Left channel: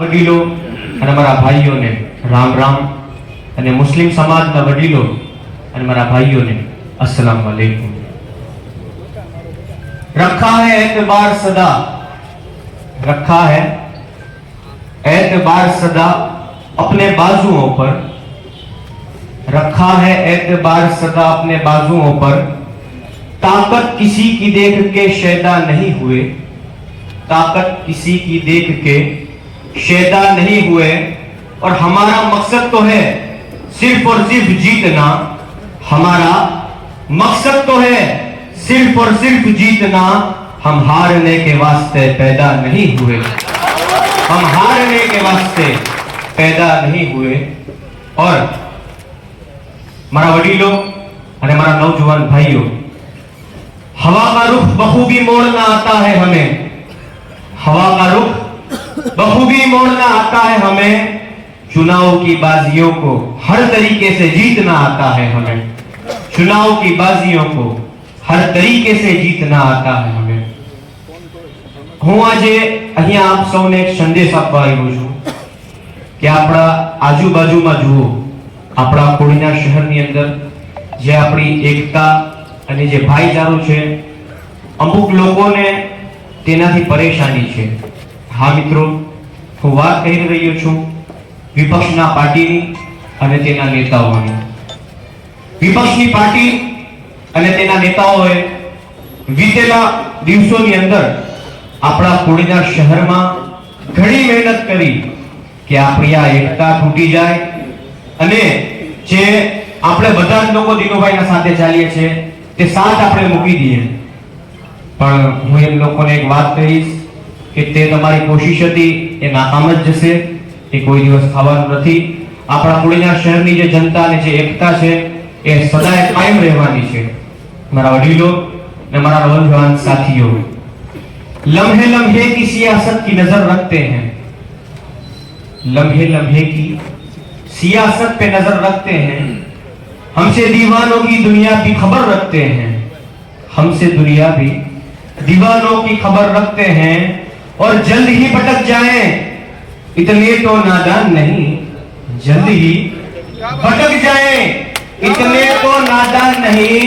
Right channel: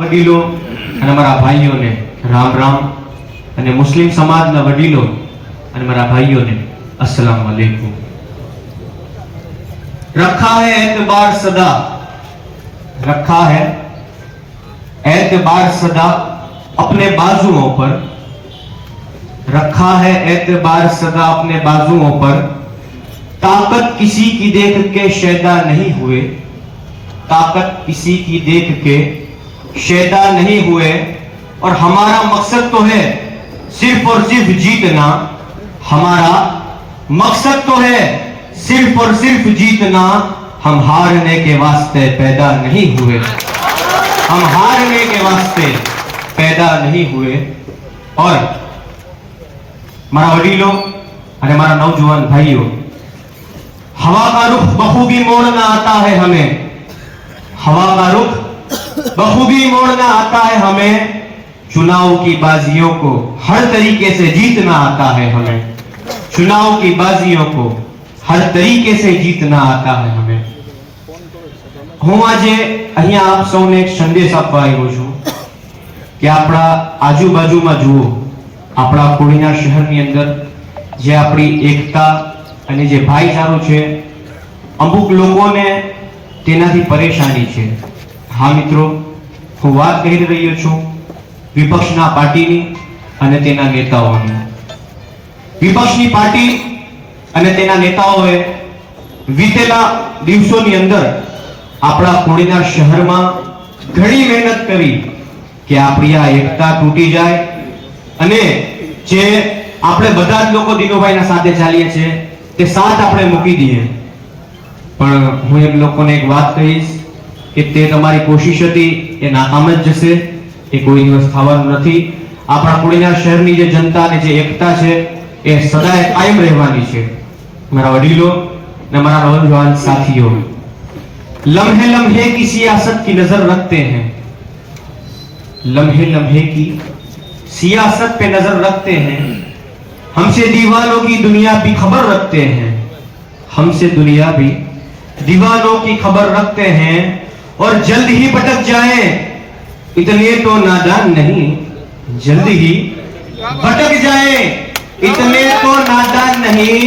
વડીલો અને મારા ભાઈઓને રામ રામ અને મુસ્લિમ સમાજના વડીલો અને મારા ભાઈઓને अस्सलाम वालेकुम। रखा है एतबार सदा, रखा है एतबार सदा अपने बाजुओं पर, रखा है एतबार सदा अपने बाजुओं पर, ताकत किसी की देख के शैदा नहीं हुए, ताकत किसी की देख के शैदा नहीं हुए। और हमारा मकसद तो है सिर्फ और सिर्फ जीतना, हमारा मकसद तो है सिर्फ और सिर्फ जीतना। हम हारने के वास्ते पैदा नहीं हुए, हम हारने के वास्ते पैदा नहीं हुए। और मारा वडीलों और मारा नौजवान भाइयों, हवा का रुख बखूबी मोड़ना आता है हमें, हवा का रुख बखूबी मोड़ना आता है हमें। चुनाव की बाजियों को हर तरीके से जीतना आता है हमें, चुनाव की बाजियों को हर तरीके से जीतना आता है हमें। હું આજે અહીંયા આપ સૌને એક સંદેશ આપવા આવ્યો છું કે આપણા આજુબાજુમાં જુઓ, આપણા કોડીના શહેરની અંદર જે આપણી એકતા અને જે ભાઈચારો છે, અમુક લોકોને તેનાથી પરેશાની છે। હા મિત્રો, હું વાત કરી રહ્યો છું વિપક્ષના પાર્ટીની અને તેના નેતાઓની। વિપક્ષની પાર્ટી અને તેના નેતાઓએ વીતેલા દિવસોની અંદર આપણા કોડીના શહેરમાં ઘણી મહેનત કરી કે આપણી આ એકતા તૂટી જાય અને જે આપણે બધા જ લોકો દિનુભાઈના સાથે ચાલીએ છીએ તે સાથ આપણે મૂકી દઈએ। પણ હું એ લોકોને એક વાત કહીશ કે તે તમારી કોશિશ હતી એ નાકામ જ જશે, એ કોઈ દિવસ થવાનું નથી। આપણા કોડીના શહેરની જે જનતા અને જે એકતા છે એ સદાય કાયમ રહેવાની છે। મારા વડીલો અને મારા નौजवान साथियों, लम्हे लम्हे की सियासत की नजर रखते हैं, लम्हे लम्हे की सियासत पे नजर रखते हैं। हमसे दीवानों की दुनिया भी खबर रखते हैं, हमसे दुनिया भी दीवानों की खबर रखते हैं। और जल्द ही भटक जाएं इतने तो नादान नहीं, जल्द ही भटक जाएं इतने तो नादान नहीं।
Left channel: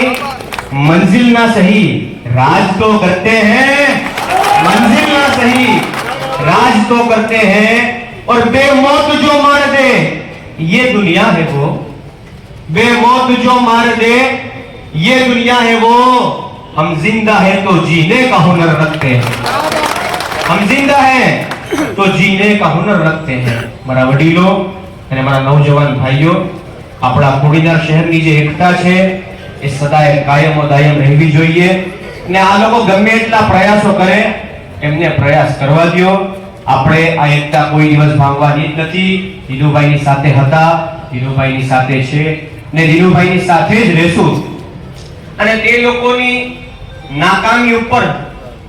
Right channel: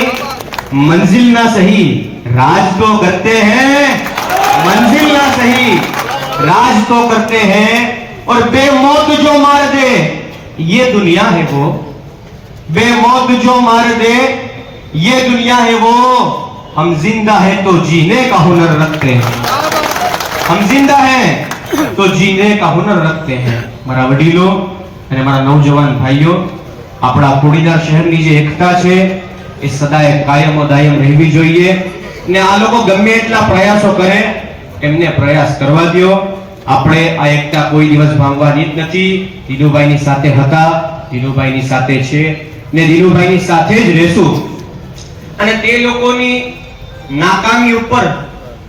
मंजिल ना सही राज तो करते हैं, मंजिल ना सही राज तो करते हैं। और बेमौत जो मार दे ये दुनिया है वो, बेमौत जो मार दे ये दुनिया है वो। हम जिंदा है तो जीने का हुनर रखते हैं, हम जिंदा है तो जीने का हुनर रखते हैं। मारा वडीलो અને મારા નौजवान ભાઈઓ, આપણા કોડીના શહેરની જે એકતા છે એ સદાય કાયમો દાયમ રહેવી જોઈએ। અને આ લોકો ગમે એટલા પ્રયાસો કરે એમને પ્રયાસ કરવા દો। આપણે આ એકતા કોઈ દિવસ ભાંગવાની જ નથી। દિનુભાઈની સાથે હતા, દિનુભાઈની સાથે છે ને દિનુભાઈની સાથે જ રહેશું। અને તે લોકોની નાકામી ઉપર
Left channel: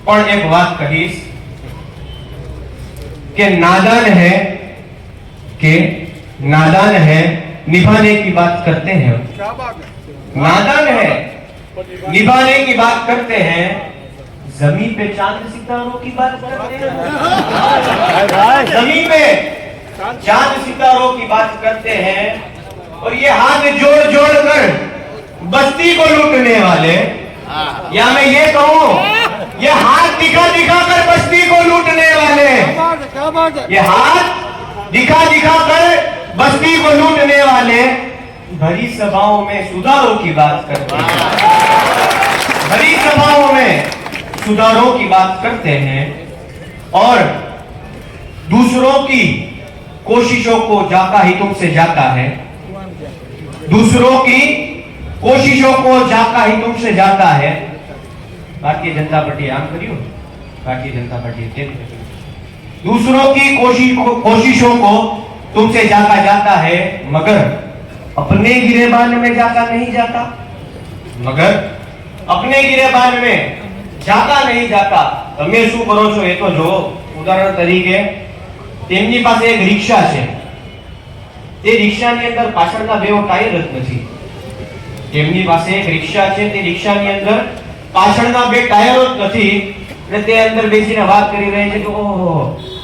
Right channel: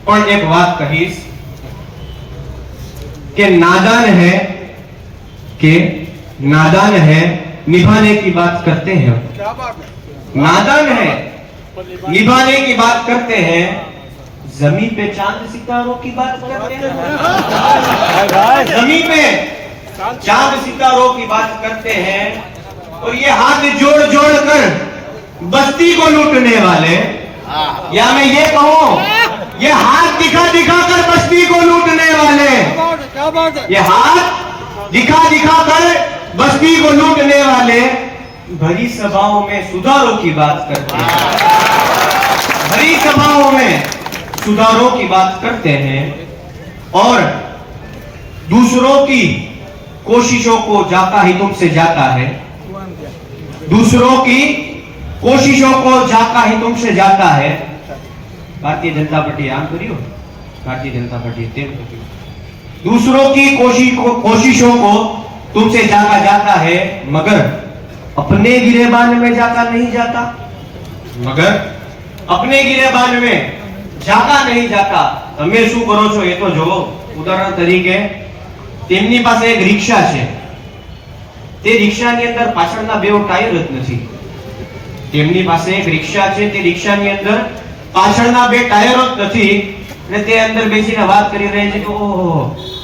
પણ એક વાત કહીશ કે नादान है कि नादान है निभाने की बात करते हैं, नादान है निभाने की बात करते हैं। जमीन पे चांद सितारों की बात करते हैं, जमीन पे चांद सितारों की बात करते हैं। और ये हाथ जोड़ जोड़ कर बस्ती को लूटने वाले, या मैं ये कहूं ये हाथ दिखा दिखा कर बस्ती को लूटने वाले, ये हाथ दिखा दिखा कर बस्ती को लूटने वाले भरी सभाओं में सुधारों की बात करते हैं, भरी सभाओं में सुधारों की बात करते हैं। और दूसरों की कोशिशों को जाता ही तुमसे जाता है, दूसरों की कोशिशों को जाता ही तुमसे जाता है। भारतीय जनता पार्टी आम करियो, भारतीय जनता पार्टी तेल करियो। दूसरों की कोशिशों को तुमसे जाता जाता है, मगर अपने गिरेबान में जाता नहीं जाता, मगर अपने गिरेबान में जाता नहीं जाता। તમે શું કરો છો એ તો જો। ઉદાહરણ તરીકે તેમની પાસે એક રિક્ષા છે, તે રિક્ષાની અંદર પાછળના બે ટાયર જ નથી। તેમની પાસે એક રિક્ષા છે, તે રિક્ષાની અંદર પાછળના બે ટાયરો જ નથી અને તે અંદર બેસીને વાત કરી રહી છે કે ઓહો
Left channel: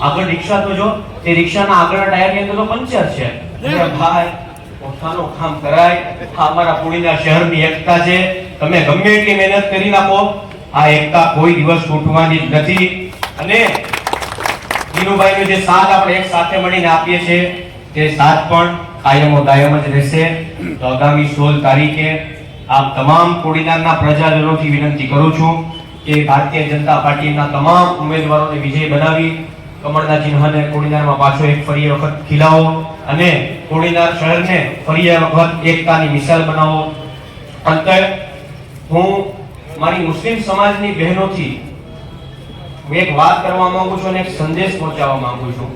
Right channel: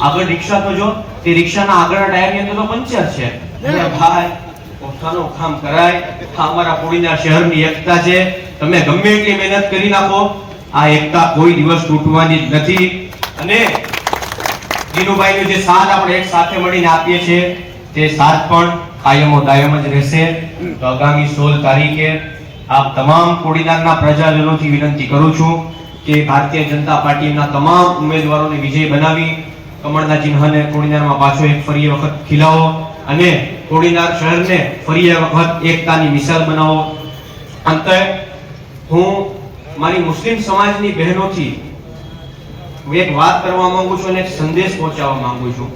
આગળ રિક્ષા તો જો તે રિક્ષાના આગળના ટાયરની અંદર તો પંચર છે. ભાઈ ખાનું કામ કરાય. આ અમારા કોડીનાર શહેરની એકતા છે. તમે ગમે એટલી મહેનત કરી નાખો, આ એકતા કોઈ દિવસ તૂટવાની જ નથી. અને દિનુભાઈનો જે સાથ આપણે એક સાથે મળીને આપીએ છીએ, તે સાથ પણ કાયમો દાયમ જ રહેશે. તો આગામી 16 તારીખે આપ તમામ કોડીનારના પ્રજાજનોથી વિનંતી કરું છું કે ભારતીય જનતા પાર્ટીના તમામ ઉમેદવારોને વિજય બનાવી કમળના ચિહ્નને કોડીનારમાં પાછો એક ફરી વખત ખીલાવો અને કોડીનાર શહેરને ફરી વખત એકતાની મિસાલ બનાવો. અંતે હું મારી મુસ્લિમ સમાજની બહેનોથી એક વાત કરવા માંગુ છું અને એક સંદેશ પહોંચાડવા માંગુ છું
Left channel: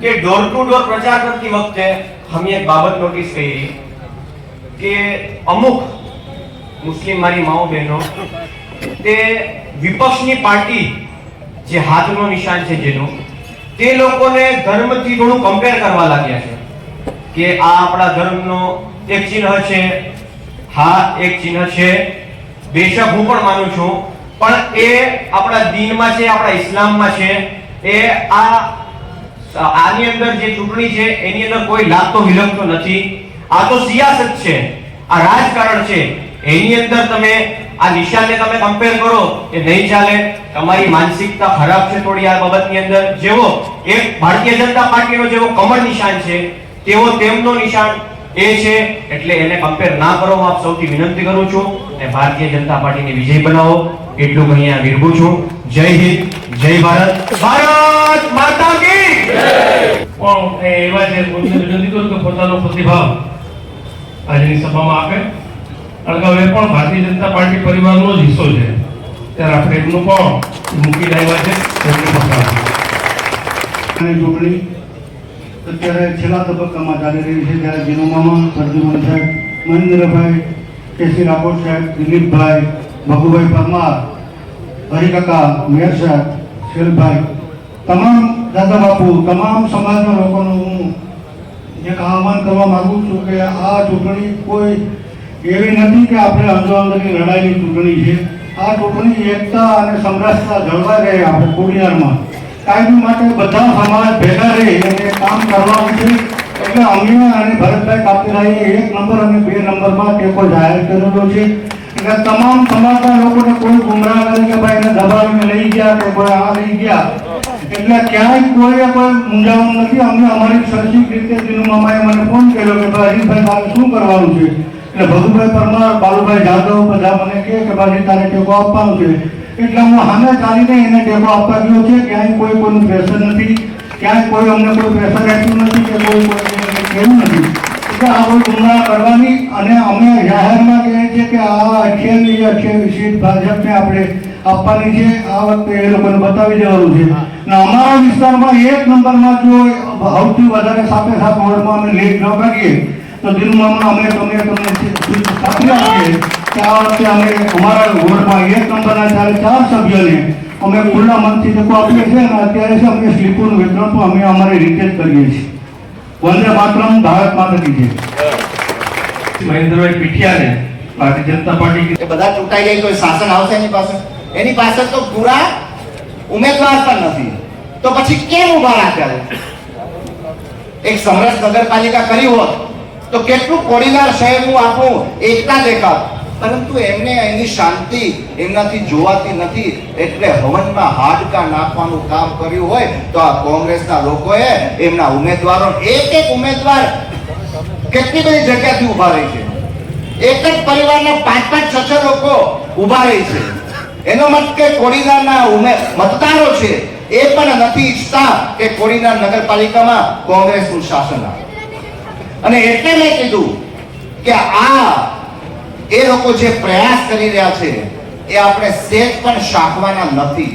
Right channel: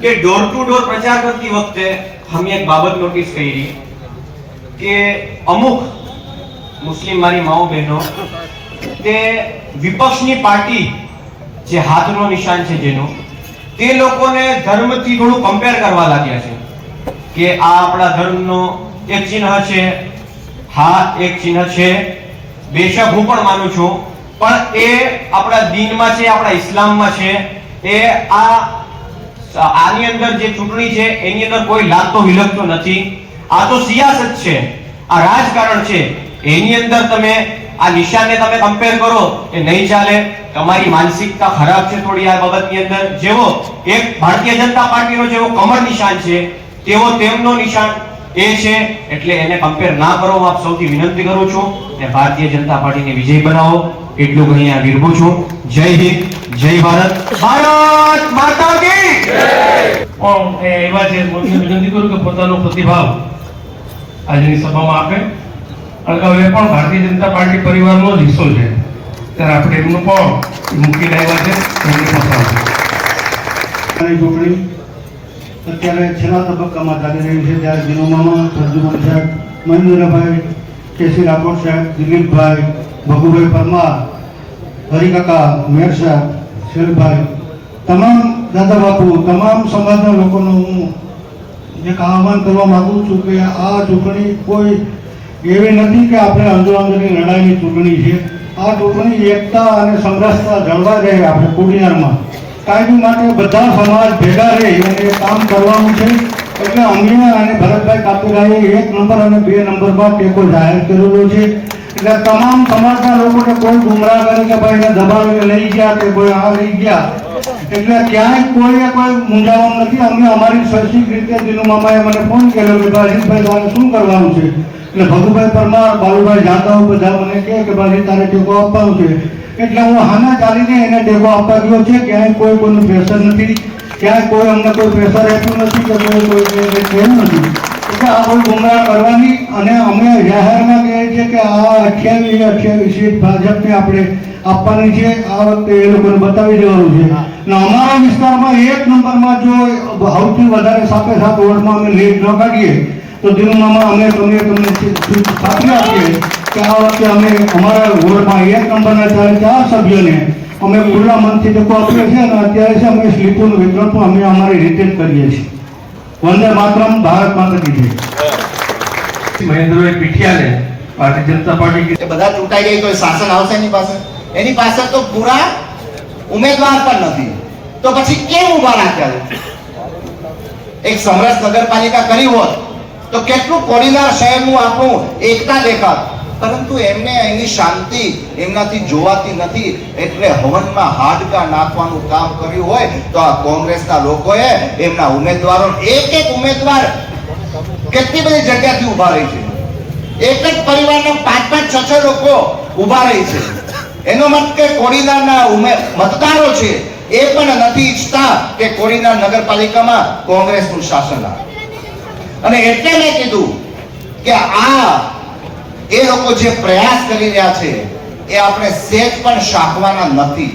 કે ડોર ટુ ડોર પ્રચાર કરતી વખતે અમે એક બાબત નોટિસ કરી કે અમુક મુસ્લિમ મારી માઓ બહેનો તે વિપક્ષની પાર્ટી જે હાથનો નિશાન છે જેનો, તે લોકોને ધર્મથી થોડું કમ્પેર કરવા લાગ્યા છે કે આ આપણા ધર્મનો એક ચિહ્ન છે. હા, એક ચિહ્ન છે, બેશક હું પણ માનું છું, પણ એ આપણા દીનમાં છે, આપણા ઇસ્લામમાં છે. એ આની અંદર જે ચૂંટણી છે એની અંદર કોઈ લાગતો વિલગતો નથી. આ તો સિયાસત છે, આ રાજકારણ છે. એની અંદર તમે આ નિશાનને તમે કમ્પેર કરો કે નહીં ચાલે. તમારી માનસિકતા ખરાબ છે થોડી આ બાબતની અંદર. જેવો એક ભારતીય જનતા પાર્ટીનો જેવો કમળ નિશાન છે તેવો તેમનો નિશાન એ છે, એટલે એને કમ્પેર ના કરો. હું આપ સૌથી વિનંતી કરું છું અને ભારતીય જનતા પાર્ટીને વિજય બનાવો એટલું હું અહીંયા વિરમું છું. જય હિન્દ, જય ભારત, ભારત માતા કી જય. એવા જે વિનંતી કરું કે પોતાનો પ્રતિભાવ આજની સભામાં આપે. અગાઉ એ પણ ભારતીય જનતા પાર્ટી પરિવારનો જ હિસ્સો છે, ત્યારે આપણે એમનું પણ મૂકી રહ્યા છે. ચૂંટણી અત્યારે છેલ્લા તબક્કામાં ચાલી રહી છે, ત્યારે દિનુમામાં પ્રદ્યુમન સાહેબ, મહેન્દ્રભાઈ, કેસી રાઠોડ સાહેબ, દિલીપભાઈ, ભગુભાઈ પરમાર, હરિકાકા, મેર સાહેબ, શેલભાઈ, તમામ દાદા બાપુ, તમામ સમાજના લોકોનું હું એક આહ્વાન કરવા માંગુ છું કે આ ચૂંટણી કોઈ એવી નથી કે આપણે અંદરોઅંદરની લડાઈની ચૂંટણી છે. આ ચૂંટણી એકતા અને સમરસતા જળવાઈ રહે આપણે કોડીનારમાં. કાયમી માટે બધા સમાજ ભેગા રહે અને કામ કરવાનું છે. એટલે અમે અને ભરતભાઈ કાપીલાએ 1 નંબર અને 2 નંબરમાં ટેકો જાહેર કરેલો છે. એટલે તમામ સમાજના લોકોને કોઈ ગુમરાહ કરે કે ભાઈ એને દબાવીને લઈ ગયા કે કોઈ આ લઈ ગયા, એટલે ક્યાંય કોઈ મૂંઝાવાનું નથી. અમે અમારી સરખી રીતે દિનુમામાએ મને ફોન કર્યો કે ભાઈ હરીશભાઈ તારે શું કરવાનું છે. એટલે ભગુભાઈ પરમાર, બાલુભાઈ જાદવ બધા મને કહે કે ભાઈ તારે ટેકો આપવાનું છે. એટલે હું સામે ચાલીને એને ટેકો આપવા ગયો છે. ક્યાંય કોઈનું પ્રેશર નથી, ક્યાંય કોઈ અમને કોઈ પ્રેશર આપ્યું નથી કે કોઈ કેમ નથી. એટલે આ કોઈ ગુમરાહ કરવાની અને અમે જાહેરમાં કહીએ છીએ કે આ 28 સીટ ભાજપને આપણે આપવાની છે. આ વખતે એ લોકોને બતાવી દેવાનું છે. અને અમારા વિસ્તારમાં 1 નંબરમાં જો સૌથી વધારે સાથે વોર્ડમાં અમે લીડ ન કાઢીએ તો દિનુમામાં અમે તમને ખાતરી આપીએ કે આ વખતે અમે અમારા વોર્ડમાં 1 નંબરના 4 સભ્યોને અમે ખુલ્લા મનથી ટેકો આપીએ છીએ. અને અત્યારે છે અમે સ્લીપોનું વિતરણ પણ અમે અમારી રીતે જ કરીએ છીએ. વંદે માતરમ, ભારત માતા કી જય. મહેન્દ્રભાઈ પીઠિયાને ભારતીય જનતા પાર્ટી બધા ચૂંટાઈ જાય તો શાસન આવશે એની પાસે તો પૂરા ઉમેદવાર પણ નથી, તો પછી કેમ ઉભા રાખ્યા? એક સમરસ નગરપાલિકા કરી હોત તો કેટલું કોડીનાર શહેરનું આપણું એકતા દેખાત. પરંતુ એમને એની શાંતિ એમનાથી જોવાતી નથી, એટલે હવનમાં હાડકા નાખવાનું કામ કર્યું હોય તો આ કોંગ્રેસના લોકોએ એમના ઉમેદવારો એક ઉમેદવાર કેટલી બધી જગ્યાથી ઉભા રહી છે. એક જ પરિવારના 5-5, 6 લોકો ઉભા રહી છે. એનો મત કે કોડીનારના મતદારો છે એ પણ નથી ઈચ્છતા કે કોડીનાર નગરપાલિકામાં કોંગ્રેસનું શાસન આવે. અને એટલે મેં કીધું કે આ એ લોકો જે પ્રયાસ કરી રહ્યા છે એ આપણે સેજ પણ શાકવાના નથી.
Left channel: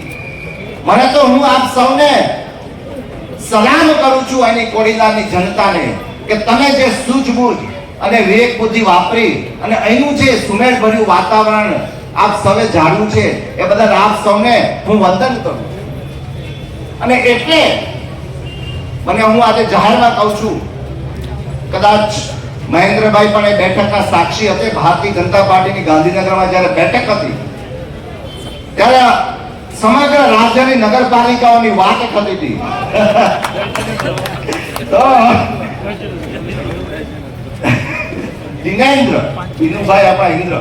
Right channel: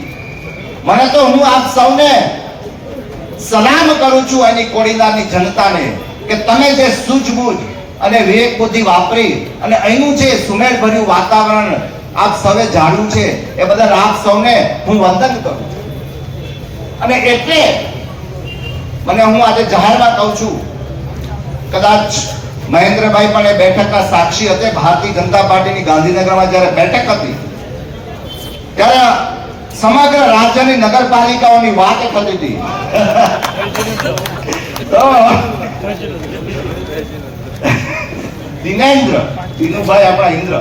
મને તો હું આપ સૌને સલામ કરું છું એની કોડીનારની જનતાને કે તમે જે સૂઝબૂઝ અને વિવેક બુદ્ધિ વાપરી અને અહીંનું જે સુમેળભર્યું વાતાવરણ આપ સૌએ જાણ્યું છે એ બદલ આપ સૌને હું વંદન કરું છું. અને એટલે મને હું આજે જાહેરમાં કહું છું, કદાચ મહેન્દ્રભાઈ પણ એ બેઠકના સાક્ષી હતા. ભારતીય જનતા પાર્ટીની ગાંધીનગરમાં જ્યારે બેઠક હતી ત્યારે સમગ્ર રાજ્યની નગરપાલિકાઓની વાત થતી હતી. તો દિનેન્દ્ર દિનુભાઈ આપણા ઇન્દ્ર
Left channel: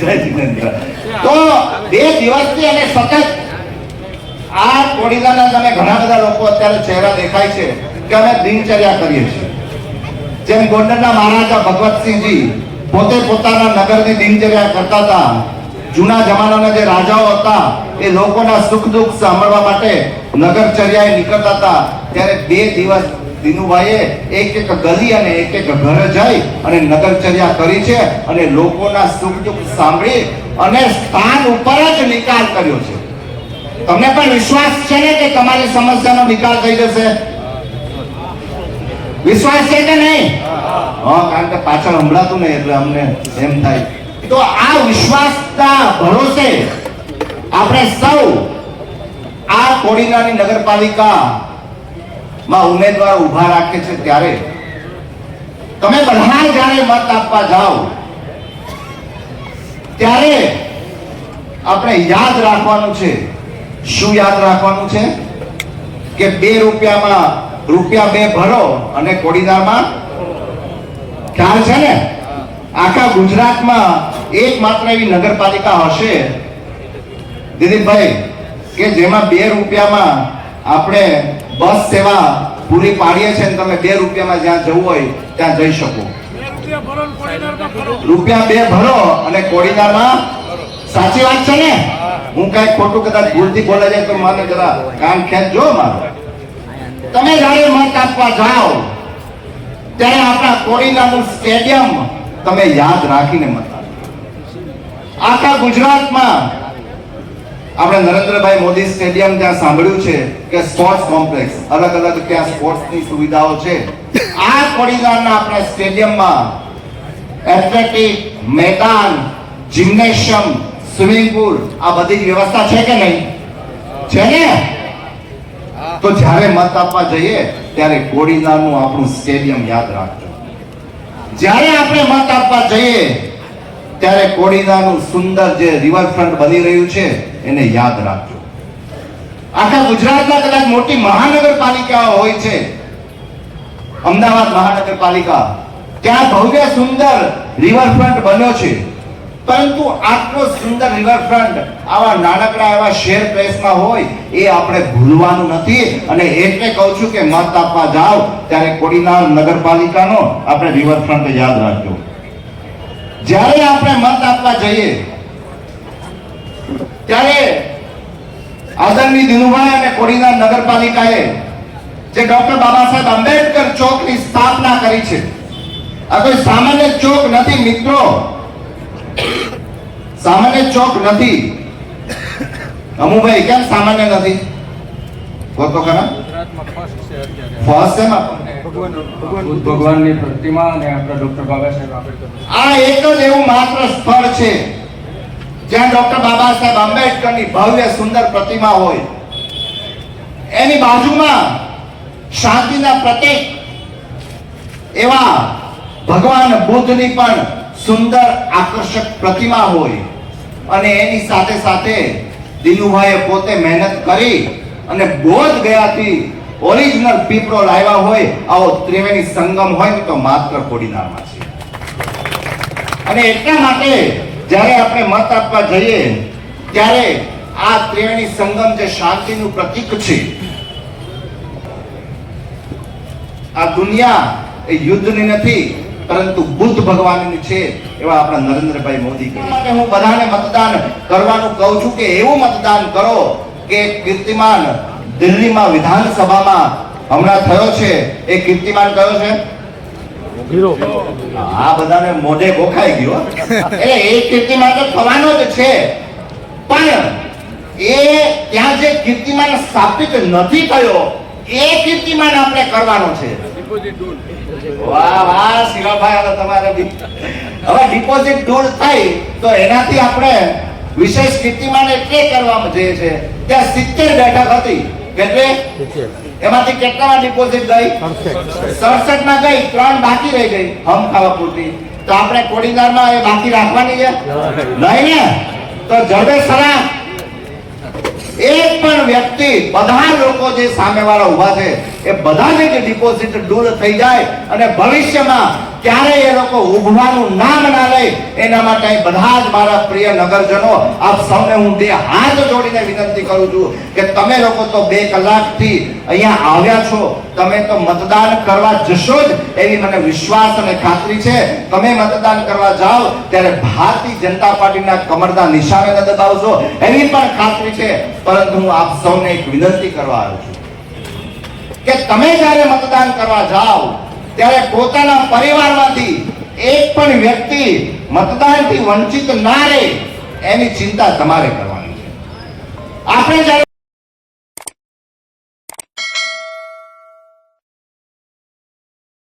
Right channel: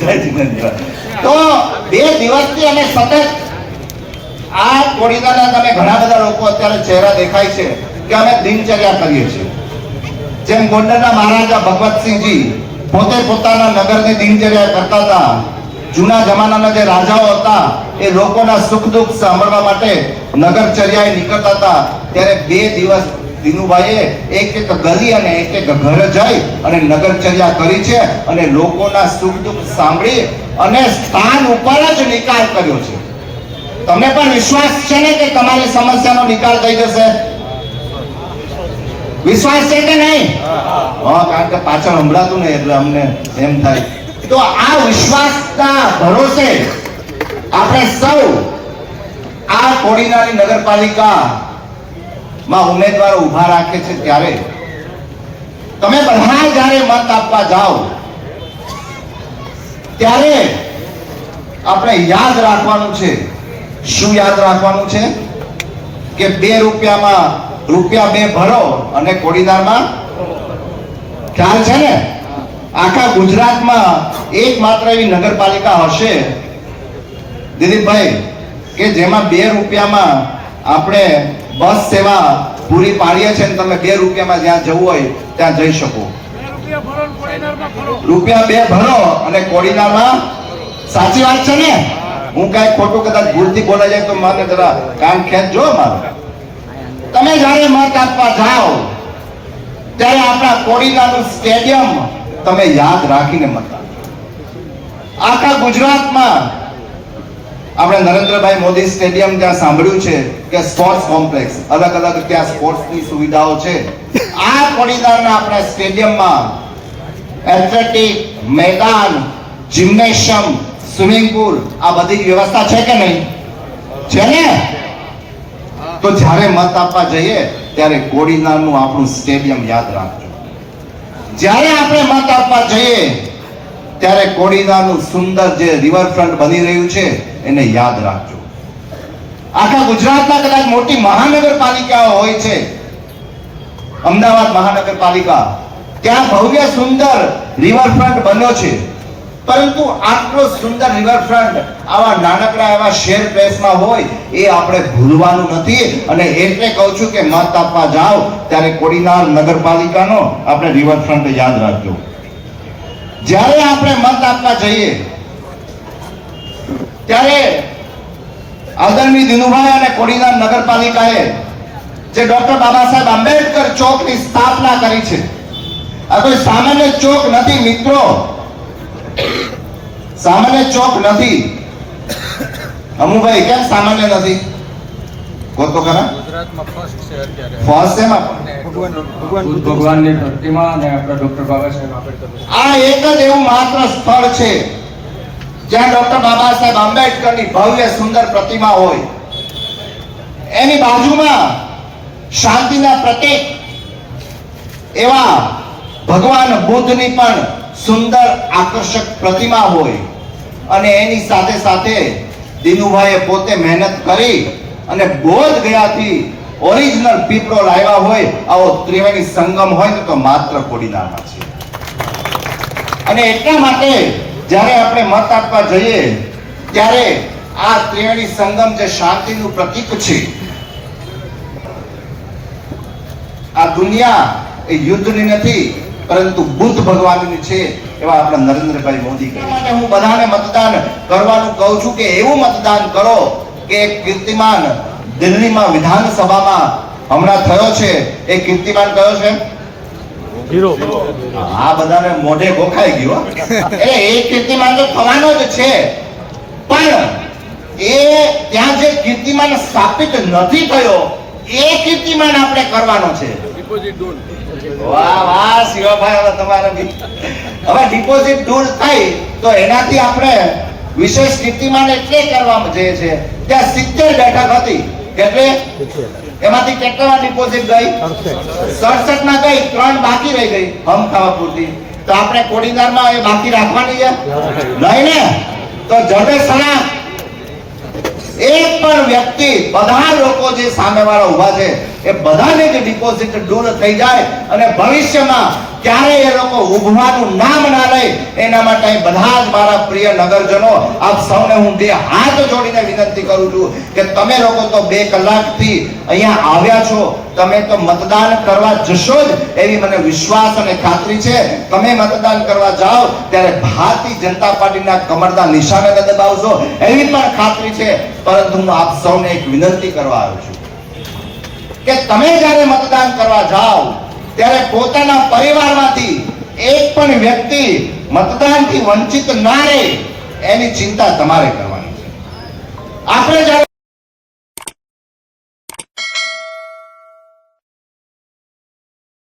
જય દિનેન્દ્ર. તો 2 દિવસથી અને સતત આ કોડીનારના તમે ઘણા બધા લોકો અત્યારે ચહેરા દેખાય છે કે અમે દિનચર્યા કરીએ છીએ. જેમ ગોંડલના મહારાજા ભગવતસિંહજી પોતે પોતાના નગરની દિનચર્યા કરતા હતા. જૂના જમાનાના જે રાજાઓ હતા એ લોકોના સુખ દુઃખ સાંભળવા માટે નગરચર્યાએ નીકળતા હતા. ત્યારે 2 દિવસ દિનુભાઈએ એક એક ગલી અને એક એક ઘર જઈ અને નગરચર્યા કરી છે અને લોકોના સુખ દુઃખ સાંભળી અને સ્થાન ઉપર જ નિકાલ કર્યો છે. તમને પણ વિશ્વાસ છે ને કે તમારી સમસ્યાનો નિકાલ થઈ જશે? વિશ્વાસ છે કે નહીં? હા, કારણ કે પાછળ સંભળાતું નહીં એટલે અમને એમ થાય. તો આ વિશ્વાસના ભરોસે આપણે સૌ આ કોડીનારની નગરપાલિકા માં ઉમેદવારો ઉભા રાખે છે. ત્યારે તમે બધા જ્યારે મત આપવા જાઓ ત્યારે આપણે યાદ રાખવાનું છે. શું યાદ રાખવાનું છે? કે 2 રૂપિયામાં રૂપિયા 2 ભરો અને કોડીનારમાં ખ્યાલ છે ને, આખા ગુજરાતમાં એકમાત્ર એવી નગરપાલિકા હશે દિલીપભાઈ કે જેમાં 2 રૂપિયામાં આપણે બસ સેવા પૂરી પાડીએ છે. તમે 2 રૂપિયામાં જ્યાં જવું હોય ત્યાં જઈ શકો. રૂપિયા 2 ભરો અને કોડીનારમાં. સાચી વાત છે ને? હું કઈ ખોટું કદાચ ભૂલથી બોલાઈ જાય તો મને જરા કાન ખેંચજો મારો. તમે જ્યારે મત આપવા જાઓ ત્યારે આપણા કોડીનારનું સ્ટેડિયમ તમે યાદ રાખીને મત આપો. આખા ગુજરાતમાં આપણે નરેન્દ્રભાઈ મોદી સ્ટેડિયમ ત્યાં સાંભળ્યું છે કે સ્પોર્ટ્સ કોમ્પ્લેક્સ અલગ અલગ ત્યાં સ્પોર્ટ્સની સુવિધાઓ છે. આ કોડીનારના આપણે સ્ટેડિયમમાં એથ્લેટિક મેદાન, જિમ્નેશિયમ, સ્વિમિંગ પુલ આ બધી વ્યવસ્થા છે કે નહીં? છે ને? તો જ્યારે મત આપવા જઈએ ત્યારે કોડીનારનું આપણું સ્ટેડિયમ યાદ રાખજો. જ્યારે આપણે મત આપવા જઈએ ત્યારે કોડીનારનું સુંદર જે રિવરફ્રન્ટ બની રહ્યું છે એને યાદ રાખજો. આખા ગુજરાતમાં કદાચ મોટી મહાનગરપાલિકાઓ હોય છે, અમદાવાદ મહાનગરપાલિકા, ત્યાં ભવ્ય સુંદર રિવરફ્રન્ટ બન્યો છે. પરંતુ આટલો સુંદર રિવરફ્રન્ટ આવા નાનકડા એવા શહેર પ્લેસમાં હોય એ આપણે ભૂલવાનું નથી. અને એટલે કહું છું કે મત આપવા જાઓ ત્યારે કોડીનાર નગરપાલિકાનો આપણે રિવરફ્રન્ટ યાદ રાખજો. જ્યારે આપણે મત આપવા જઈએ ત્યારે આદરણીય દિનુભાઈ અને કોડીનાર નગરપાલિકાએ જે ડોક્ટર બાબા સાહેબ આંબેડકર ચોકની સ્થાપના કરી છે, આ કોઈ સામાન્ય ચોક નથી મિત્રો, સામાન્ય ચોક નથી. અમુભાઈ કેમ સામાન્ય નથી? બોલો ખરા. ફર્સ્ટ એમાં ભગવાનની પ્રતિમા અને આપણા ડોક્ટર બાબા સાહેબ આંબેડકર, આ એક જ એવું માત્ર સ્થળ છે જ્યાં ડોક્ટર બાબા સાહેબ આંબેડકરની ભવ્ય સુંદર પ્રતિમા હોય. એની બાજુમાં શાંતિના પ્રતીક એવા ભગવાન બુદ્ધની પણ સુંદર આકર્ષક પ્રતિમા હોય. અને એની સાથે સાથે દિનુભાઈએ પોતે મહેનત કરી અને બોધ ગયાથી ઓરિજિનલ પીપળો લાવ્યા હોય આવો ત્રિવેણી સંગમ હોય ને તો માત્ર કોડીનારમાં છે. અને એટલા માટે જ્યારે આપણે મત આપવા જઈએ ત્યારે આ ત્રિવેણી સંગમ જે શાંતિનું પ્રતીક છે, આ દુનિયા એ યુદ્ધની નથી પરંતુ બુદ્ધ ભગવાનની છે એવા આપણા નરેન્દ્રભાઈ મોદી કહે છે. હું બધાને મતદાન કરવાનું કહું છું કે એવું મતદાન કરો કે કીર્તિમાન દિલ્હીમાં વિધાનસભામાં હમણાં થયો છે એ કીર્તિમાન કયો છે? હીરો. આ બધાને મોઢે ગોખાઈ ગયો. એ કીર્તિમાન તો થવાનો જ છે, પણ એ ત્યાં જે કીર્તિમાન સ્થાપિત નથી થયો એ કીર્તિમાન આપણે કરવાનો છે. વાહ વાહ શિવાભાઈ, હવે તમારે હવે ડિપોઝિટ દૂર થાય તો એનાથી આપણે વિશેષ કીર્તિમાન એટલે કરવામાં જઈએ છે. ત્યાં 70 બેઠક હતી, એટલે એમાંથી કેટલામાં ડિપોઝિટ ગઈ? 67 માં ગઈ, 3 બાકી રહી ગઈ હમ ખાવા પૂરતી. તો આપણે કોડીનારમાં એ બાકી રાખવાની છે નહીં ને? તો જડે સલાહ એક પણ વ્યક્તિ, બધા લોકો જે સામેવાળા ઊભા છે એ બધાની જ ડિપોઝિટ દૂર થઈ જાય અને ભવિષ્યમાં ક્યારેય એ લોકો ઉભવાનું નામ ના લે, એના માટે બધા જ મારા પ્રિય નગરજનો, આપ સૌને હું બે હાથ જોડીને વિનંતી કરું છું કે તમે લોકો તો 2 કલાકથી અહીંયા આવ્યા છો, તમે તો મતદાન કરવા જશો જ એવી મને વિશ્વાસ અને ખાતરી છે. તમે મતદાન કરવા જાઓ ત્યારે ભારતીય જનતા પાર્ટીના કમરના નિશાને ન દબાવશો એવી પણ ખાતરી છે. પરંતુ હું આપ સૌને એક વિનંતી કરવા આવ્યો છું કે તમે જ્યારે મતદાન કરવા જાઓ ત્યારે પોતાના પરિવારમાંથી એક પણ વ્યક્તિ મતદાનથી વંચિત ના રહે એની ચિંતા તમારે કરવાની છે. આપણે જ્યારે